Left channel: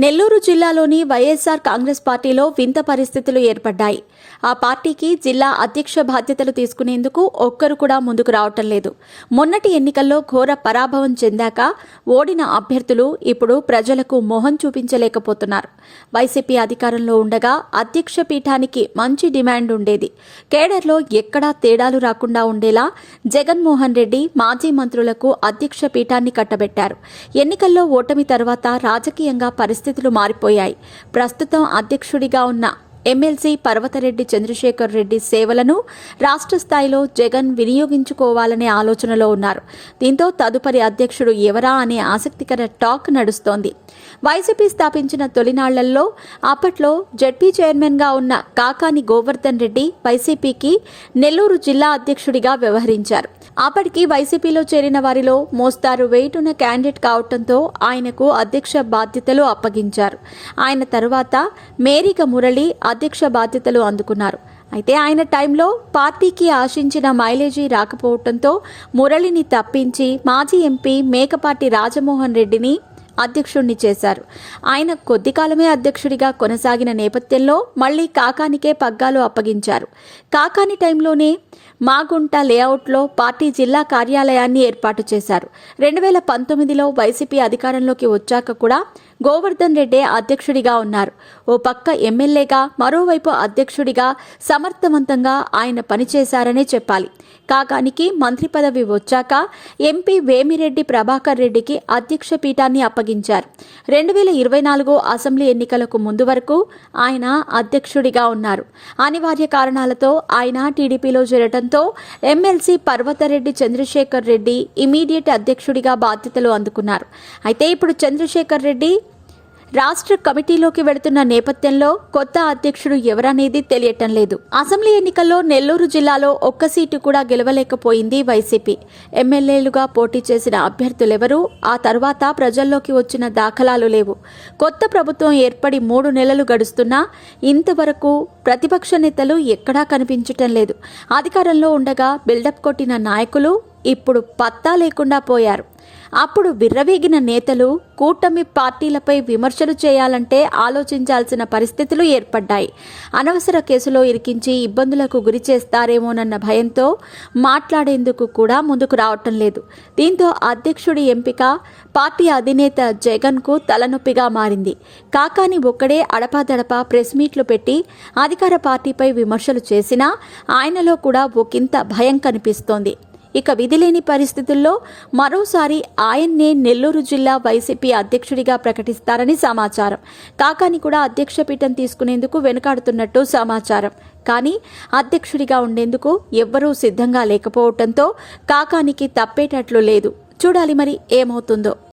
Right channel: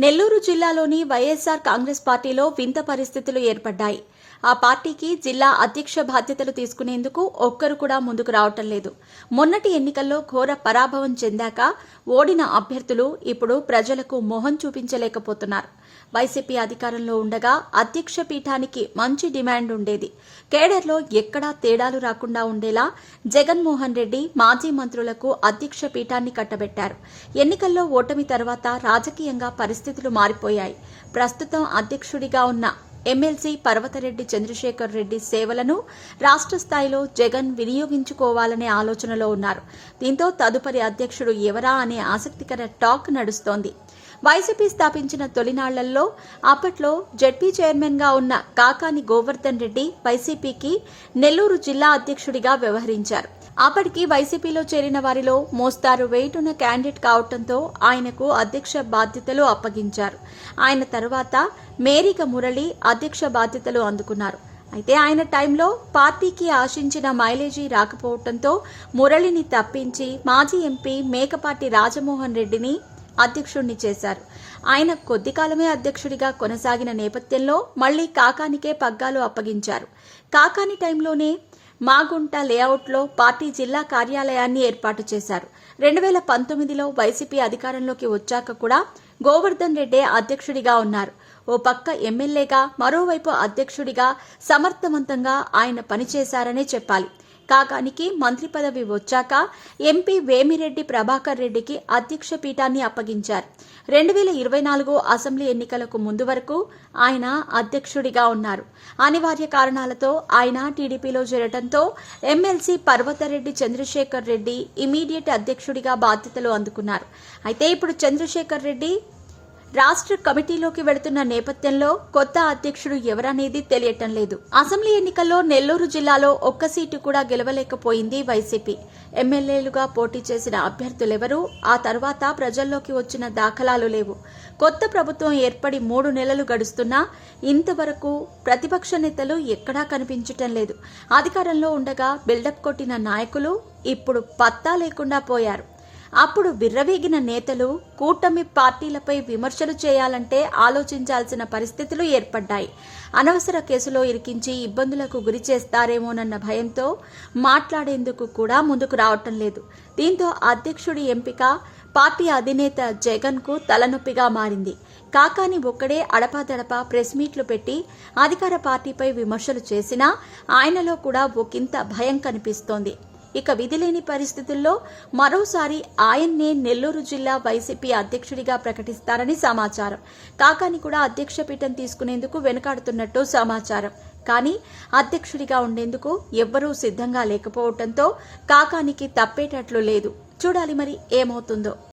నెల్లూరు జిల్లాలోని వైఎస్ఆర్ కాంగ్రెస్ పార్టీలో వింత పరిస్థితులు ఏర్పడ్డాయి. ఆ పార్టీకి జిల్లా అధ్యక్ష బాధ్యతలు తీసుకునేందుకు ఒక్కరు కూడా ముందుకు రావటం లేదు. మొన్నటి ఎన్నికల్లో ఘోర పరాభవం చెందాక ఓడిన అభ్యర్థులు ఇప్పుడు ప్రజలకు మొహం చూపించలేకపోతున్నారు. వైసీపీ అధికారంలో ఉండగా అధ్యక్ష పీఠానికి మంచి డిమాండ్ ఉండేది. కేడర్లో ఎక్కడా తేడాలు రాకుండా ఉండేలా జగన్మోహన్ రెడ్డి మాజీ మంత్రులకు అధ్యక్ష పీఠాన్ని కట్టబెట్టారు. ఎన్నికల్లో ఓటమి తర్వాత రాజకీయంగా పరిస్థితులు మారిపోయాయి. ప్రస్తుతం అధ్యక్షుడిగా ఉన్న ఎమ్మెల్సీ పర్వతరెడ్డి చంద్రశేఖర్ రెడ్డి సేవలను రాష్ట్ర స్థాయిలో జగన్ వినియోగించుకోవాలనే ఆలోచనలో ఉన్నారు. దీంతో తదుపరి అధ్యక్షుడు ఎవరా అనే ఆసక్తికర టాక్ నడుస్తోంది. వైసీపీ స్థాపించిన తొలినాళ్లలో అప్పట్లో జెడ్పీ చైర్మన్గా ఉన్న కాకాని గోవర్ధన్ రెడ్డి వైసీపీకి నెల్లూరు జిల్లా అధ్యక్షుడిగా వ్యవహరించారు. అప్పటికి వైసీపీలో చేరిన వారిలో మోస్తారు వెయిట్ ఉన్న క్యాండిడేట్ కావడంతో ఆయనకు అధ్యక్ష బాధ్యతలు అప్పగించారు. ఆయన తర్వాత మేరిక మురళి అధ్యక్ష బాధ్యతలు అందుకున్నారు. అయితే ఆయన టైంలో పార్టీకి ఆశించిన మైలేజీ రాకపోవడంతో మురళిని తప్పించి మాజీ ఎంపీ మేకపాటి రాజమోహన్ రెడ్డిని అధ్యక్షుడిని చేశారు. ఆయన కొద్ది కాలమే అధ్యక్షుడిగా కొనసాగిన నేపథ్యంలో మళ్లీ కాకానికే పగ్గాలు అప్పగించారు. కాకాని టైంలోనే మాగుంట లేఅవుట్లో పార్టీ జిల్లా కార్యాలయాన్ని ఏర్పాటు చేశారు. 2019లో వైసీపీ అధికారంలోకి వచ్చాక కూడా గోవర్ధన్ రెడ్డి అధ్యక్షుడిగా ఉన్నారు. ఓ పక్క ఎమ్మెల్యేగా, మరోవైపు అధ్యక్షుడిగా సమర్థవంతంగా ఆయన పనిచేశారనే చెప్పాలి. కాకానికి మంత్రి పదవి వచ్చాక ఎంపీ వేమిరెడ్డి ప్రభాకర్ రెడ్డికి అధ్యక్ష పీఠాన్ని అప్పగించారు. 2024 అసెంబ్లీ ఎన్నికలకు ముందు వరకు ఆయన అధ్యక్షుడిగా ఉన్నారు. అనివార్య కారణాలతో ఆయన టీడీపీలో చేరటంతో ఎమ్మెల్సీ పర్వతరెడ్డి చంద్రశేఖర్ రెడ్డి ఇమీడియట్ అధ్యక్షుడిగా బాధ్యతలు అందుకున్నారు. అయితే ఇప్పుడు చంద్రశేఖర్ రెడ్డి రాష్ట్ర కమిటీలోకి వెళుతున్న నేపథ్యంలో కొత్త అధ్యక్షుడు ఎవరనేది తెలియటం లేదు. అసెంబ్లీ ఎన్నికల్లో నెల్లూరు జిల్లాలో ఒక్క సీటు కూడా గెలవలేకపోయింది వైసీపీ. ఎమ్మెల్యేలుగా పోటీ చేసిన అభ్యర్థులెవరూ ఆ తర్వాత ప్రజల్లోకి వచ్చిన దాఖలాలు లేవు. కొత్త ప్రభుత్వం ఏర్పడి 3 నెలలు గడుస్తున్నా ఇంతవరకు ప్రతిపక్ష నేతలు ఎక్కడా కనిపించటం లేదు. అధికారంలో ఉండగా బిల్డప్ కొట్టిన నాయకులు ఇప్పుడు పత్తా లేకుండా పోయారు. అప్పుడు విర్రవీగిన నేతలు కూటమి పార్టీలపై విమర్శలు చేయాలంటే ఆలోచించాల్సిన పరిస్థితులు ఏర్పడ్డాయి. అనవసర కేసులో ఇరికించి ఇబ్బందులకు గురి చేస్తారేమోనన్న భయంతో మాట్లాడేందుకు కూడా ముందుకు రావటం లేదు. దీంతో అధ్యక్షుడి ఎంపిక పార్టీ అధినేత జగన్కు తలనొప్పిగా మారింది. కాకాని ఒక్కడే అడపాదడపా ప్రెస్ మీట్లు పెట్టి అధికార పార్టీపై విమర్శలు చేసినా ఆయనలో కూడా ఒకంత భయం కనిపిస్తోంది. ఇక విధిలేని పరిస్థితుల్లో మరోసారి ఆయన్నే నెల్లూరు జిల్లా వైసీపీ అధ్యక్షుడిగా ప్రకటిస్తారని సమాచారం. కాకాని కూడా అధ్యక్ష పీఠం తీసుకునేందుకు వెనుకాడుతున్నట్టు సమాచారం. కానీ అధ్యక్షుడిగా ఉండేందుకు ఎవ్వరూ సిద్ధంగా లేకపోవడంతో కాకానికి తప్పేటట్లు లేదు. చూడాలి మరి ఏమవుతుందో.